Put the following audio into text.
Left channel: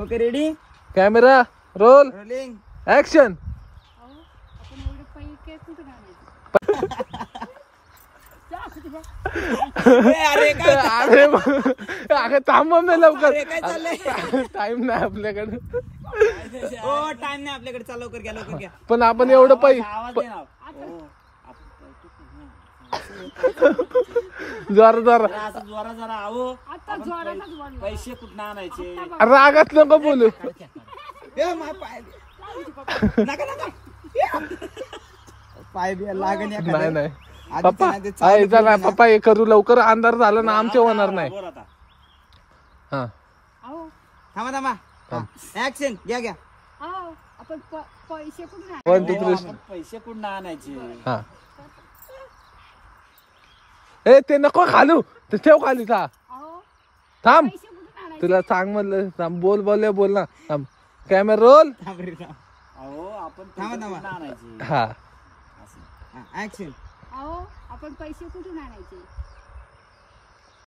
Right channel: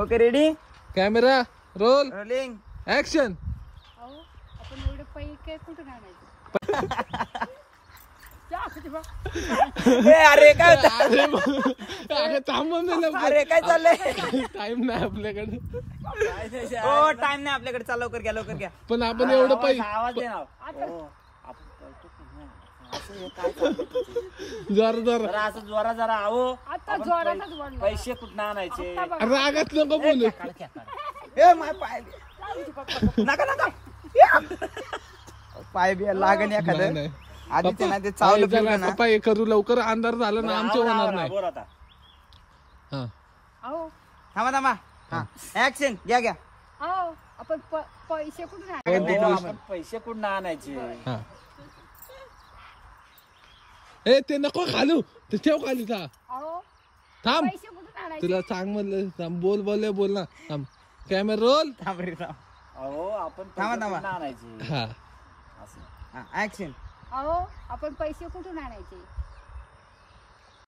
Okay ready camera roll rolling action. आपण एवढे पैसे कुठून आणायचे? अरे काय अरे थांब ना लवकर, अरे काय चाललंय टाइम नाही आपल्याकडे. हो टाइम नाही आपल्याकडे. चाल लवकर घ्या लवकर घ्या. पण आपण एवढं आवाज दे ना. जरा जरा जरा असं जोरा जरा आहो. आता जोरातच बोलणार. पैसे कुठं आणायचे? रागात नको बोलू. ए माय पाय नका नका पाय बी लागण नाही एखादं. नाही आधीचं पप्पा नाही ते चालू आई चला केलं ना. पप्पा हे करू लवकर, अंधार झाला ना आमच्या होणार नाही. बोल आता. हा अहो थांबा थांबा. ऍक्शन घ्या घ्या. अहो आपण पैसे कुठून आणायचे? 1 2 3 आपण पैसे कुठं आणायचे? हा. ए ते नको खालू, ते ठेव खाली. अहो थांब पैसे कुठून आणायचे? तुला सांग म्हणलं. थांब बोल बोल ना. थांब कॅमेरा रोल. थांब रे थांब. अहो आपण थांबा, पैसे थांबा. कुठनं आणायचे? हा ऍक्शन. अहो आपण पैसे कुठून आणायचे?